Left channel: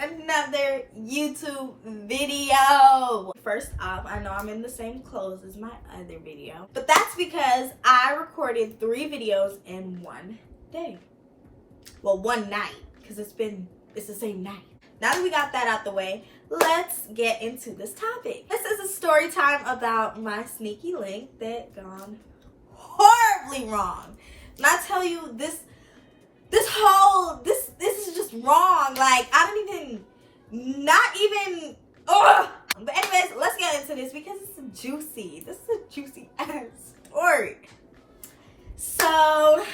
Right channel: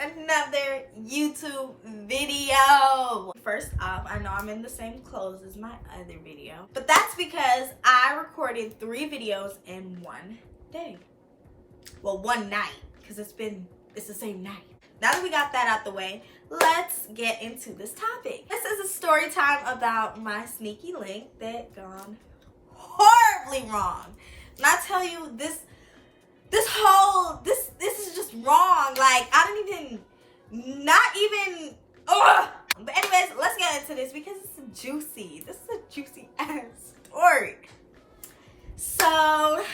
another YouTube video. First off, I know I'm in the same clothes as my other video, but that's because I recorded 3 videos in one day. Well, one night, because it's the same night. Now that we got that out the way, let's get into this topic. This is a story time about my sneaky link that gone horribly wrong. And I tell you, this is just wrong. Like, I don't even, ugh. But anyways, let's get into this because this is juicy ass story. So,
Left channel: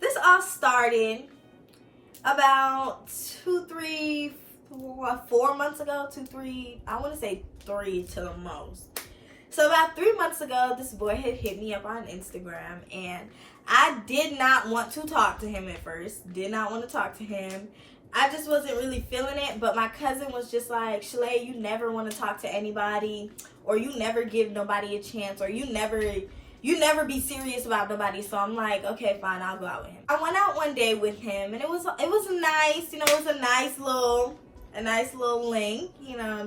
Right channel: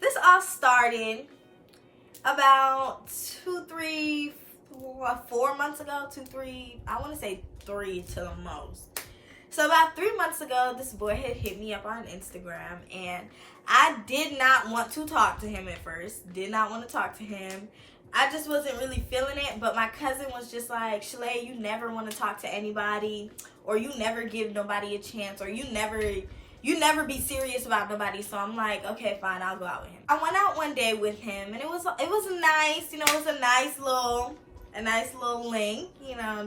this all started about 4 months ago, I want to say 3 to the most. So about 3 months ago, this boy had hit me up on Instagram, and I did not want to talk to him at first. Did not want to talk to him. I just wasn't really feeling it, but my cousin was just like, Shalaya, you never want to talk to anybody, or you never give nobody a chance, or you never be serious about nobody. So I'm like, okay, fine, I'll go out with him. I went out one day with him, and it was nice, it was a nice little link,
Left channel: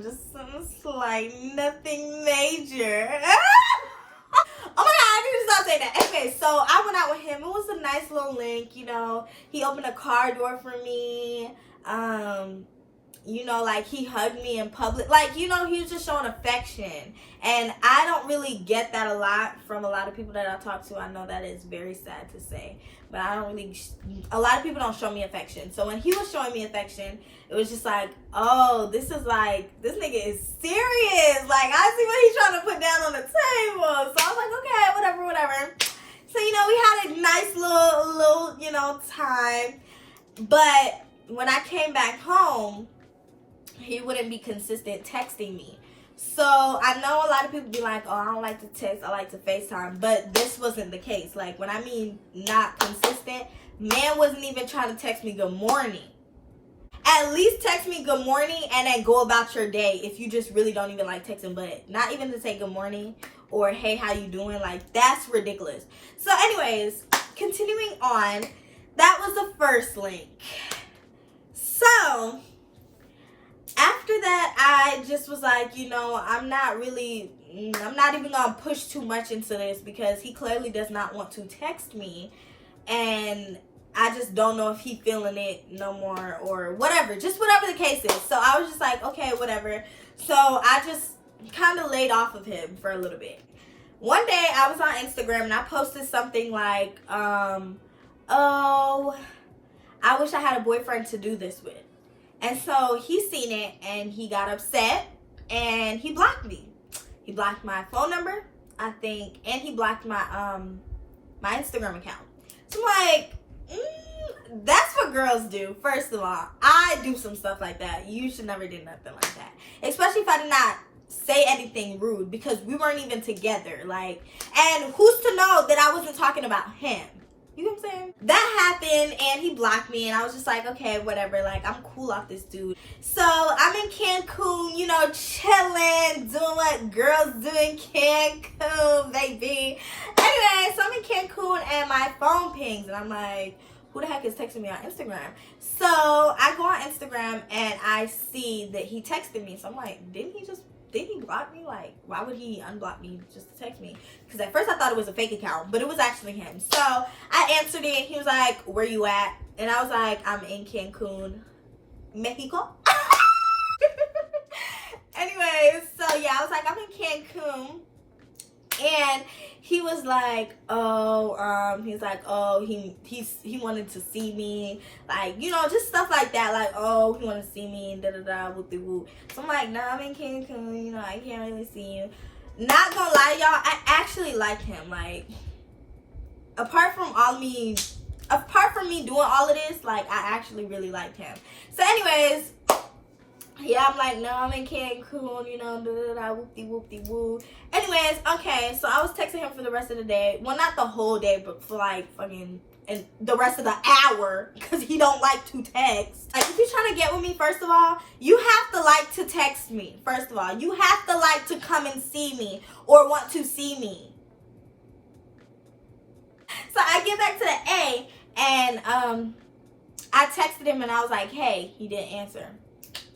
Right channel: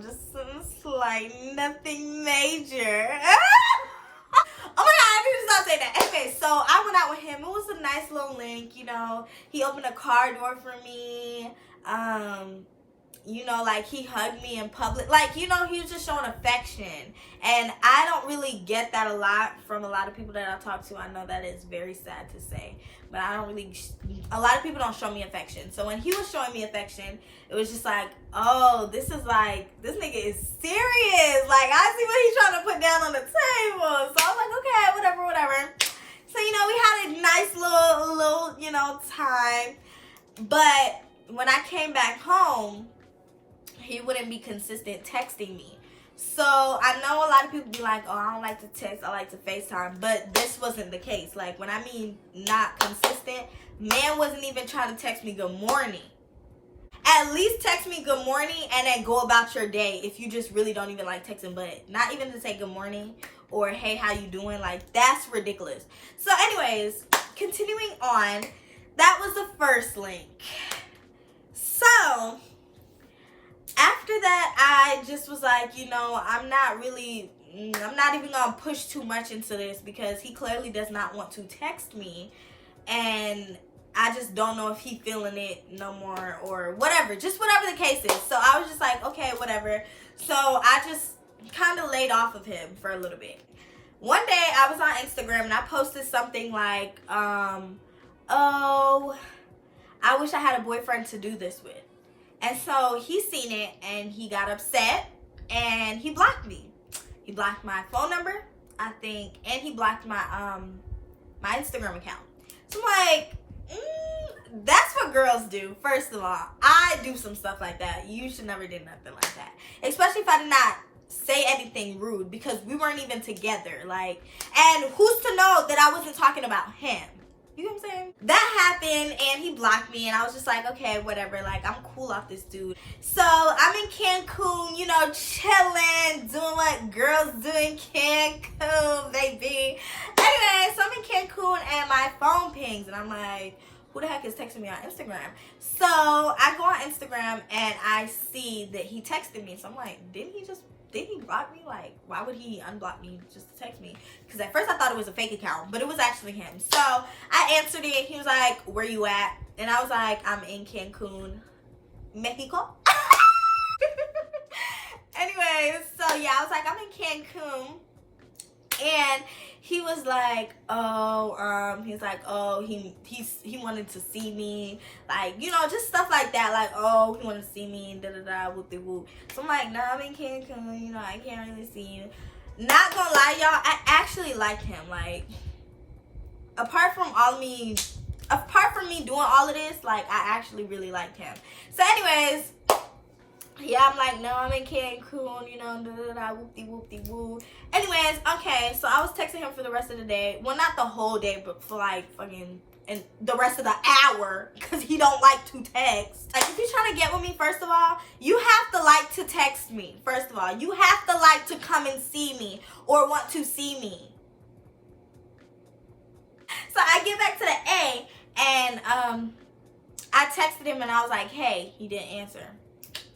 just some slight, nothing major. Oh my god, I need to stop saying that. Anyway, so I went out with him. It was a nice little link, he opened a car door for me. Like, he hugged me in public. Like, he was just showing affection. And I don't really get that a lot from a lot of people that I talk to. I know that is very sad to say. But a lot of people don't show me affection. So when he was showing me affection, it was just like, oh, this nigga is serious. Like, I see what he's trying to put down on the table. So I was like, okay, whatever. So, we had a nice little time. But when I came back home, he wouldn't be consistent texting me. So I know a lot of people be like, oh, I don't like to text, I like to FaceTime. But this wasn't the case. Like, when I mean not consistent, man wasn't even trying to text me good morning. At least text me good morning and then go about your day if you just really don't even like texting. But not even to say good morning or hey, how you doing? Like, that's ridiculous. So anyways, continuing on, that was the first link. So after that, I just was like, I'm not even gonna push too much into this because he clearly does not want to text me, and I just don't know if he feeling it no more or whatever, just whatever the case is. So I was just like, okay, whatever. So I just kind of laid off of him for a little bit. One day I was on Instagram and I posted something like, oh, I wish I had a boyfriend to do this with. And so he seen it and he got upset and he blocked me. He blocked my phone number, I think, and he blocked my my Instagram account. So I'm like, that's what girls do. First of all, I do some stuff like that. You should never do nothing like that. Especially if I did not say anything rude because we weren't even together. Like, and who's to know that I wasn't talking about him? You know what I'm saying? That happened and he blocked me and I was just like, okay, whatever. Like, I'm cool off this dude. So I'm in Cancun, chilling, doing what girls do in Cancun, baby. Anyway, so I'm in Cancun and my phone pings and I'm like, who the heck is texting me on Instagram? So I go on Instagram and I see that he texted me. So I'm like, did he block me? Like, why would he unblock me just to text me? Because at first I thought it was a fake account, but it was actually him. So I answered it. He was like, where you at? And I was like, I'm in Cancun, Mexico. Anyways, so yeah, I was like, I'm in Cancun. And he was like, he wanted to see me, like, just stuff like that, like, oh, he wanted to see me, whoop-de-whoop. So I'm like, nah, I'm in Cancun, I can't really see you. Not gonna lie, y'all, I actually like him. Like, apart from me doing all of this, like, I actually really liked him. So anyways, yeah, I'm like, no, I'm in Cancun, whoop-de-whoop-de-woo. Anyways, okay, so I was texting him for the rest of the day. Well, not the whole day, but for like fucking and the rest of the hour, because he don't like to text. Like, if you're trying to get with me, first of all, you have to like to text me. First of all, you have to like to come and see me or want to see me. So I get back to the A, and I texted him and I was like, hey, he didn't answer.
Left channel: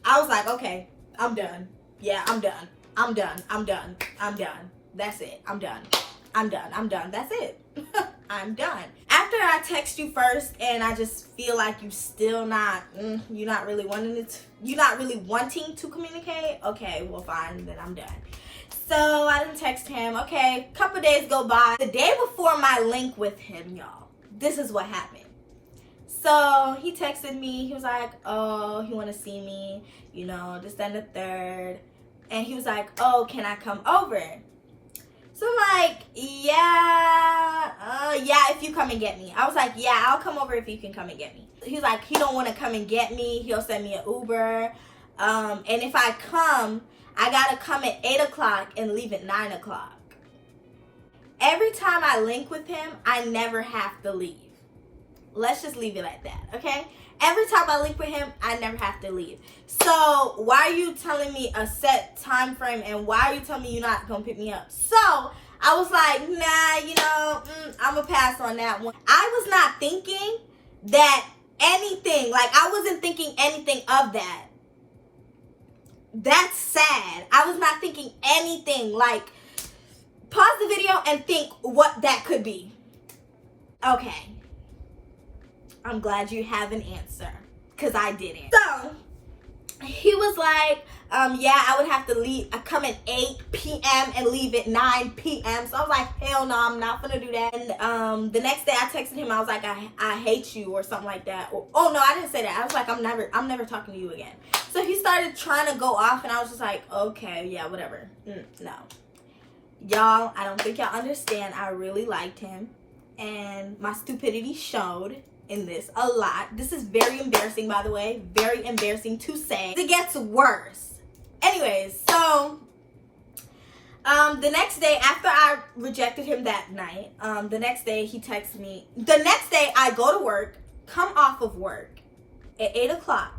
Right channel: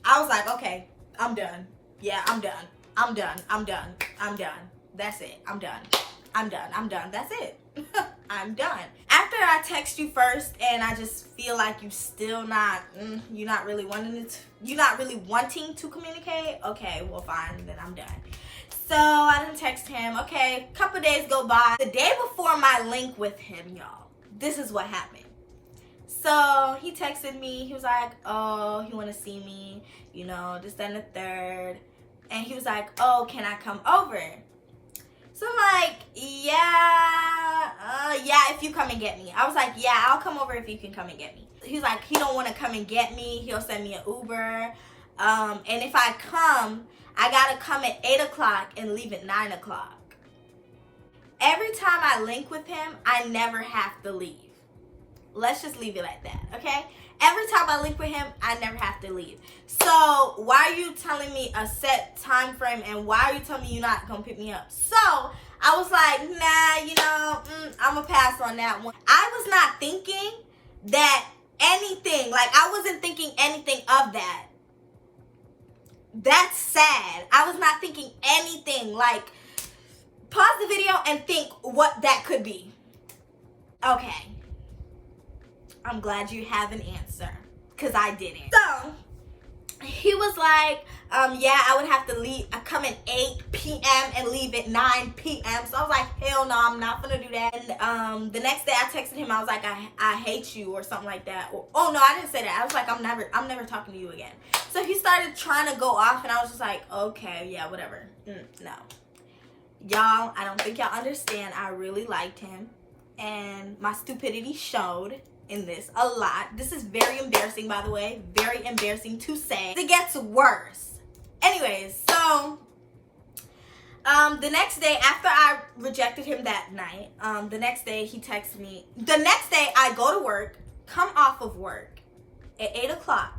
I was like, okay, I'm done. Yeah, I'm done. I'm done. I'm done. I'm done. That's it. I'm done. I'm done. I'm done. That's it. I'm done. After I text you first and I just feel like you still not, you're not really wanting to communicate. Okay, well fine, then I'm done. So I didn't text him. Okay, a couple days go by. The day before my link with him, y'all, this is what happened. So he texted me. He was like, oh, he want to see me, you know, this, that, and the third. And he was like, oh, can I come over? So I'm like, yeah, if you come and get me. I was like, yeah, I'll come over if you can come and get me. He was like, he don't want to come and get me. He'll send me an Uber. And if I come, I got to come at 8 o'clock and leave at 9 o'clock. Every time I link with him, I never have to leave. Let's just leave it like that, okay? Every time I link with him, I never have to leave. So why are you telling me a set time frame, and why are you telling me you're not gonna pick me up? So I was like, nah, you know, I'm gonna pass on that one. I was not thinking that anything, like I wasn't thinking anything of that. That's sad. I was not thinking anything. Like, pause the video and think what that could be. Okay. I'm glad you have an answer, because I didn't. So he was like, yeah, I would have to leave. I come at 8 p.m. and leave at 9 p.m. So I was like, hell no, I'm not gonna do that. And the next day I texted him. I was like, I hate you, or something like that. Or, oh no, I didn't say that. I was like, I'm never talking to you again. So he started trying to go off, and I was just like, okay, yeah, whatever. No, y'all, I don't think y'all understand. I really liked him, and my stupidity showed in this a lot. This is very embarrassing, by the way. Very embarrassing to say. It gets worse. Anyways, so the next day after I rejected him that night, the next day he texted me. The next day I go to work, come off of work at 8 o'clock.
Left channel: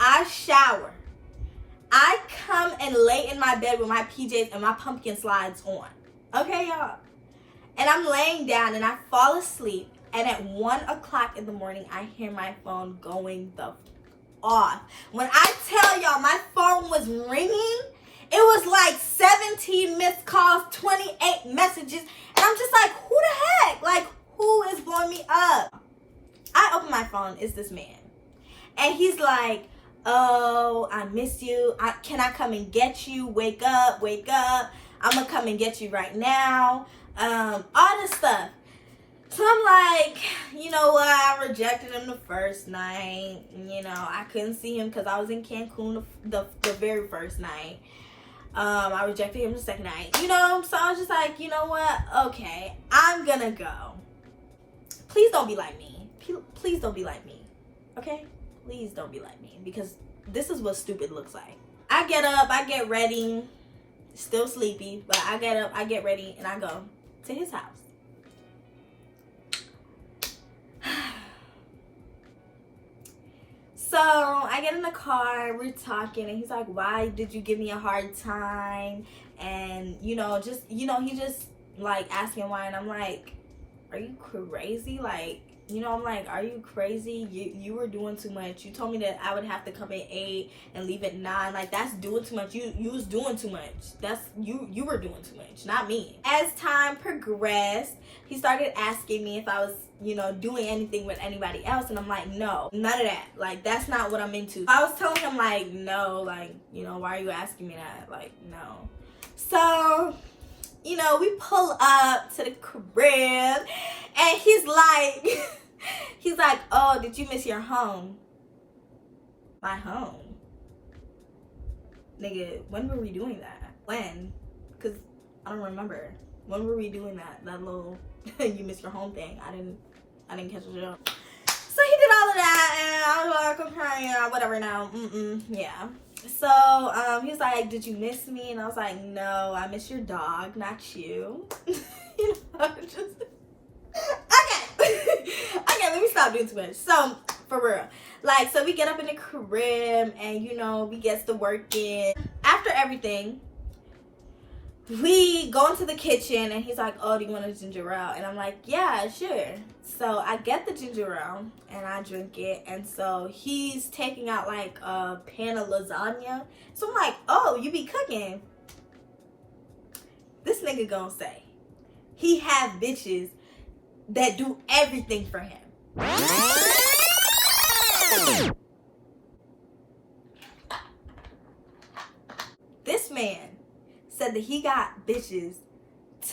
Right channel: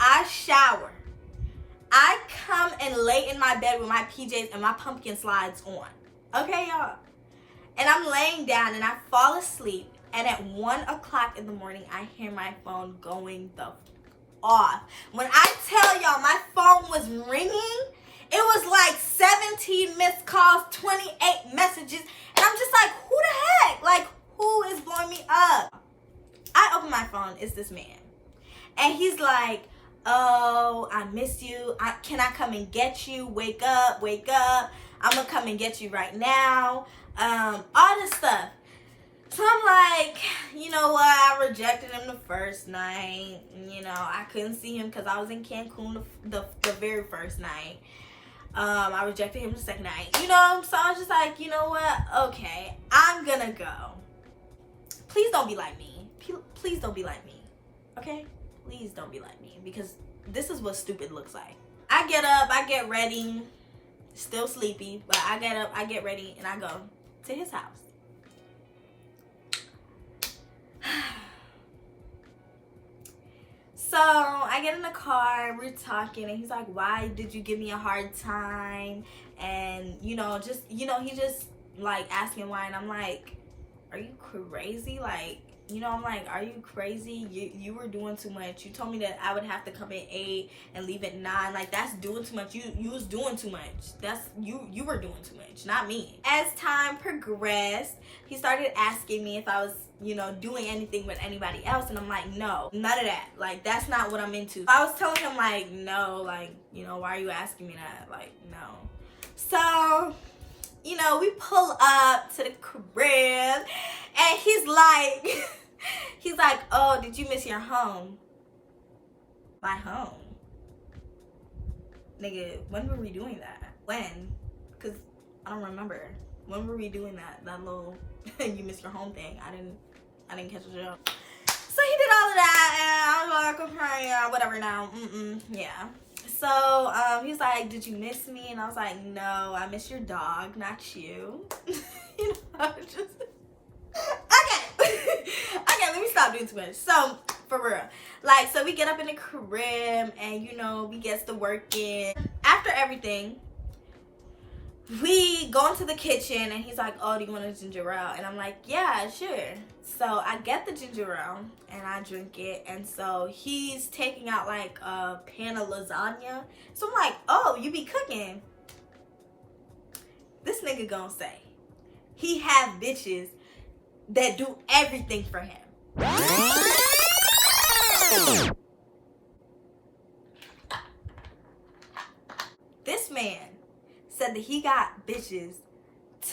I shower. I come and lay in my bed with my PJs and my pumpkin slides on. Okay, y'all? And I'm laying down and I fall asleep. And at 1 o'clock in the morning, I hear my phone going the off. When I tell y'all, my phone was ringing. It was like 17 missed calls, 28 messages. And I'm just like, who the heck? Like, who is blowing me up? I open my phone. It's this man. And he's like, oh, I miss you. Can I come and get you? Wake up, wake up. I'm going to come and get you right now. All this stuff. So I'm like, you know what, I rejected him the first night. You know, I couldn't see him because I was in Cancun the very first night. I rejected him the second night, you know. So I was just like, you know what, okay, I'm gonna go. Please don't be like me. Please don't be like me, okay? Please don't be like me, because this is what stupid looks like. I get up, I get ready, still sleepy, but I get up, I get ready, and I go to his house. So I get in the car, we're talking, and he's like, why did you give me a hard time? And, you know, he just like asking why, and I'm like, are you crazy? Like, you know, I'm like, are you crazy? You were doing too much. You told me that I would have to come at 8 and leave at 9. Like, that's doing too much. You was doing too much. That's you were doing too much, not me. As time progressed, he started asking me if I was, you know, doing anything with anybody else, and I'm like, no, none of that. Like, that's not what I'm into. I was telling him, like, no, like, you know, why are you asking me that? Like, no. So, you know, we pull up to the crib, and he's like, oh, did you miss your home? My home? Nigga, when were we doing that? When? Because I don't remember. When were we doing that? That little you miss your home thing. I didn't catch the joke. So he did all of that, and I was like, okay, whatever now. Yeah. So he's like, did you miss me? And I was like, no, I miss your dog, not you. You know, just okay. Let me stop doing too much. So for real, like, so we get up in the crib, and you know, we get to work in. After everything, we go into the kitchen and he's like, oh, do you want a ginger ale? And I'm like, yeah, sure. So I get the ginger ale and I drink it. And so he's taking out like a pan of lasagna. So I'm like, oh, you be cooking. This nigga gonna say he have bitches that do everything for him. This man said that he got bitches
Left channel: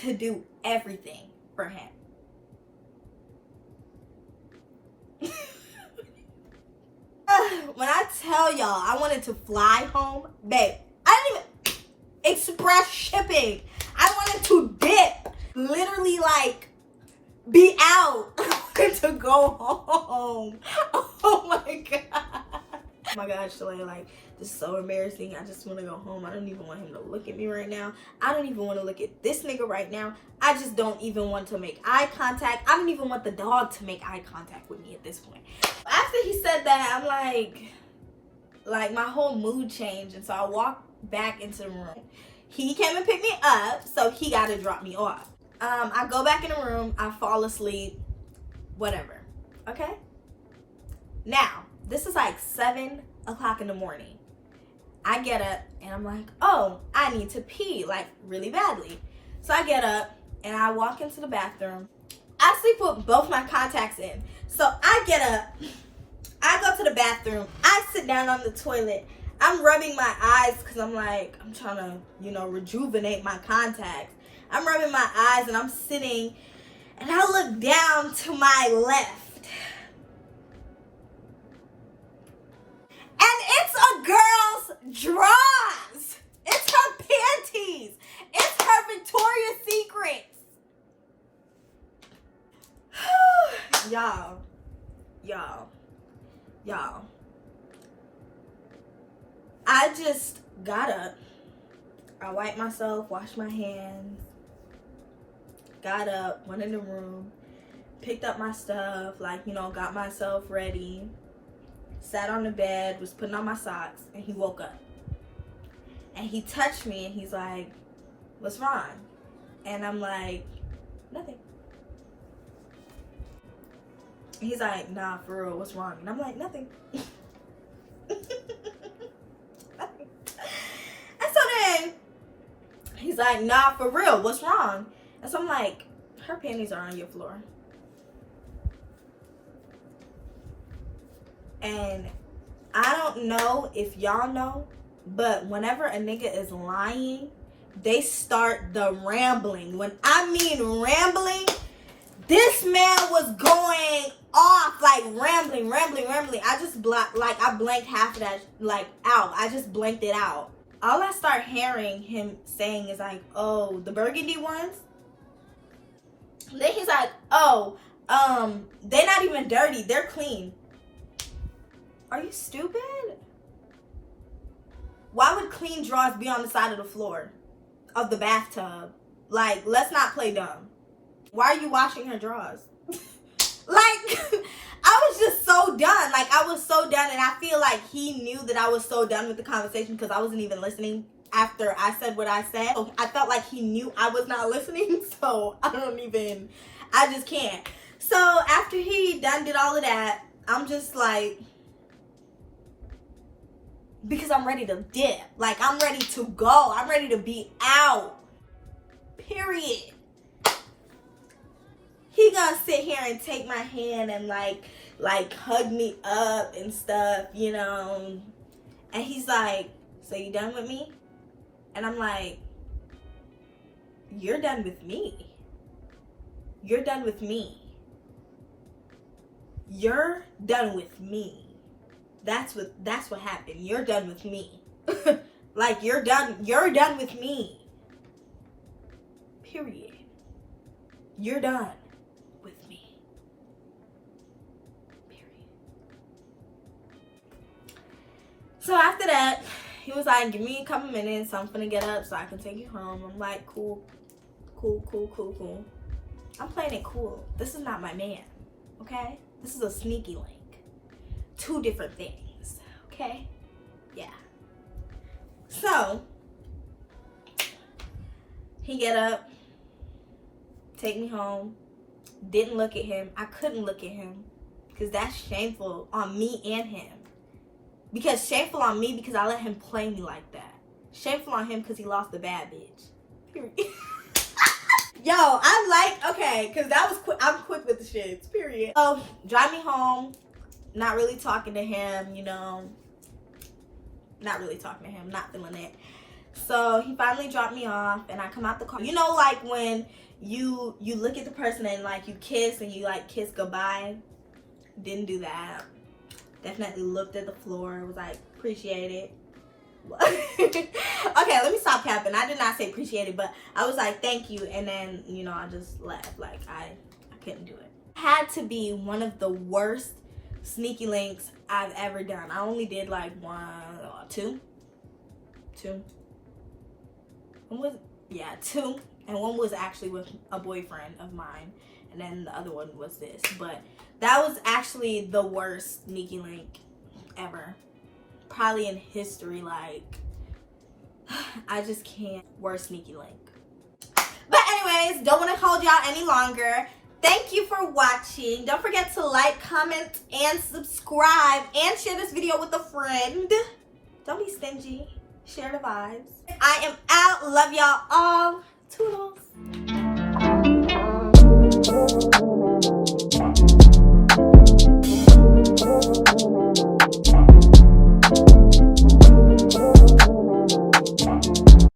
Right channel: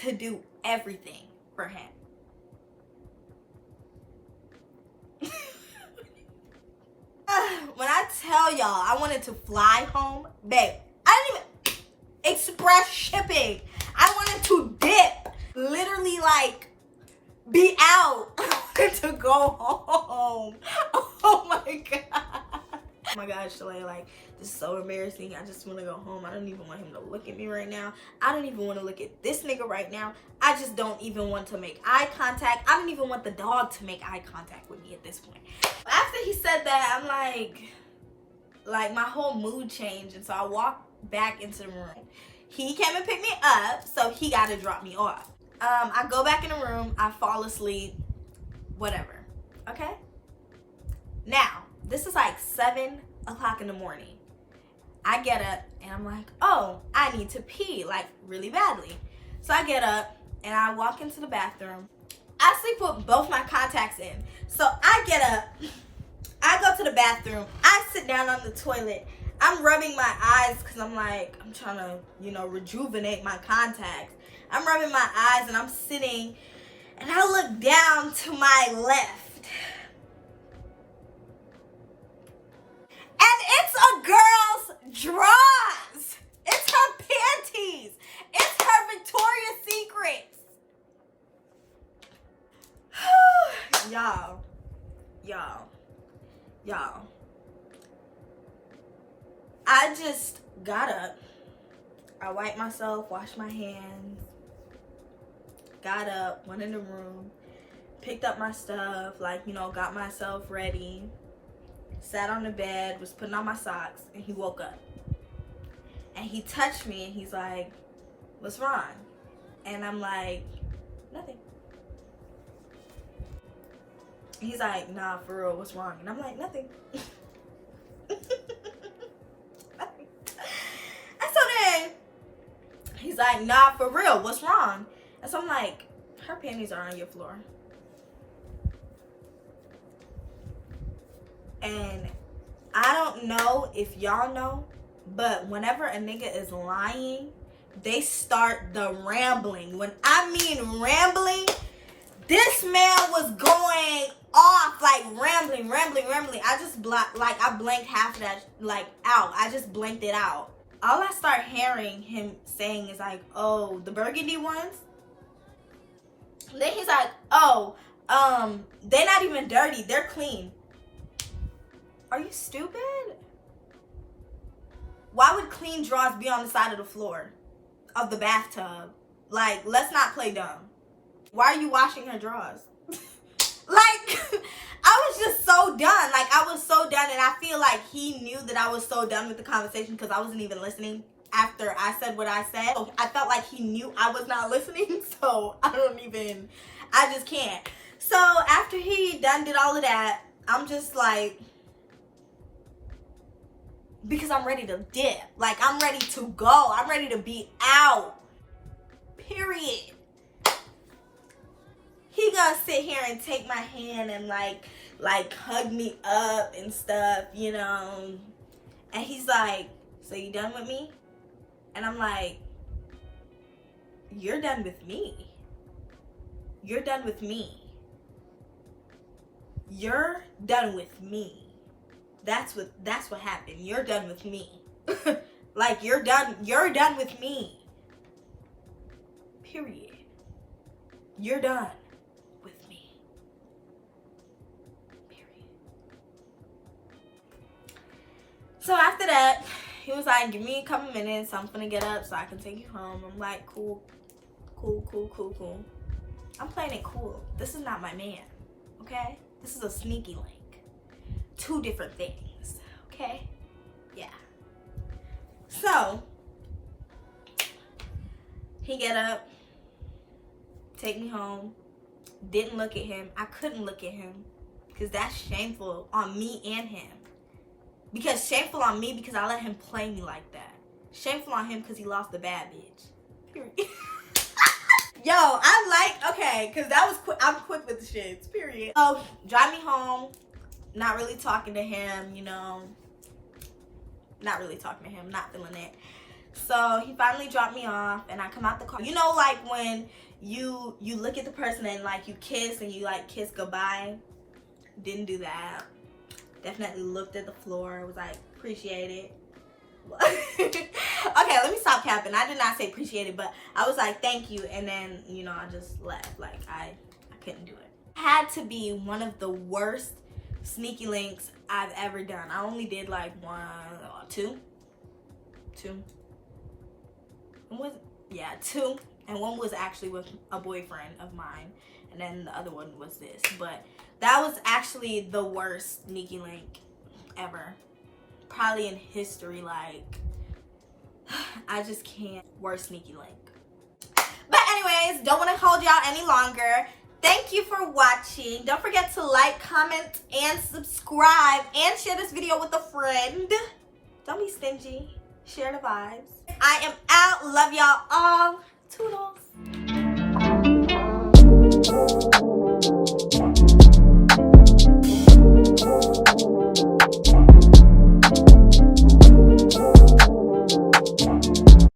to do everything for him. When I tell y'all I wanted to fly home, babe, I didn't even express shipping. I wanted to dip, literally like be out. I wanted to go home. Oh my god. Oh my god, Shalaya, like, this is so embarrassing. I just want to go home. I don't even want him to look at me right now. I don't even want to look at this nigga right now. I just don't even want to make eye contact. I don't even want the dog to make eye contact with me at this point. After he said that, I'm like my whole mood changed. And so I walked back into the room. He came and picked me up, so he got to drop me off. I go back in the room. I fall asleep. Whatever. Okay? Now, this is like 7 o'clock in the morning. I get up and I'm like, oh, I need to pee, like really badly. So I get up and I walk into the bathroom. I sleep with both my contacts in. So I get up, I go to the bathroom, I sit down on the toilet. I'm rubbing my eyes because I'm like, I'm trying to, rejuvenate my contacts. I'm rubbing my eyes and I'm sitting and I look down to my left. And it's a girl's drawers. It's her panties. It's her Victoria's Secret. Y'all. I just got up. I wiped myself, washed my hands. Got up, went in the room, picked up my stuff, got myself ready. Sat on the bed, was putting on my socks, and he woke up. And he touched me, and he's like, what's wrong? And I'm like, nothing. And he's like, nah, for real, what's wrong? And I'm like, nothing. Nothing. And so then, he's like, nah, for real, what's wrong? And so I'm like, her panties are on your floor. And I don't know if y'all know, but whenever a nigga is lying, they start the rambling. When I mean rambling, this man was going off, like rambling. I just I blanked half of that out. I just blanked it out. All I start hearing him saying is like, oh, the burgundy ones? Then he's like, oh, they're not even dirty, they're clean. Are you stupid? Why would clean drawers be on the side of the floor of the bathtub? Like, let's not play dumb. Why are you washing her drawers? I was just so done. I was so done, and I feel like he knew that I was so done with the conversation because I wasn't even listening after I said what I said. So I felt like he knew I was not listening, so I just can't. So after he did all of that, I'm just like, because I'm ready to dip. I'm ready to go. I'm ready to be out. Period. He gonna sit here and take my hand and hug me up and stuff, And he's like, so you done with me? And I'm like, you're done with me. You're done with me. You're done with me. That's what happened. You're done with me. You're done with me. Period. You're done with me. Period. So after that, he was like, give me a couple minutes. I'm finna get up so I can take you home. I'm like, cool. I'm playing it cool. This is not my man. Okay? This is a sneaky link. 2 different things, okay? Yeah. So, He get up, take me home, didn't look at him. I couldn't look at him because that's shameful on me and him. Because shameful on me because I let him play me like that. Shameful on him because he lost the bad bitch. Period. Yo, okay, because that was quick. I'm quick with the shits, period. So, drive me home, not really talking to him, you know. Not really talking to him, not feeling it. So, he finally dropped me off, and I come out the car. You know, like, when you look at the person and, like, you kiss, and you, like, kiss goodbye? Didn't do that. Definitely looked at the floor, was like, appreciate it. Okay, let me stop capping. I did not say appreciate it, but I was like, thank you, and then, you know, I just left. Like, I couldn't do it. Had to be one of the worst sneaky links I've ever done. I only did like two. Two. And one was actually with a boyfriend of mine, and then the other one was this. But that was actually the worst sneaky link ever. Probably in history. Like, I just can't. Worst sneaky link. But anyways, don't want to hold y'all any longer. Thank you for watching. Don't forget to like, comment, and subscribe, and share this video with a friend. Don't be stingy. Share the vibes. I am out. Love y'all all.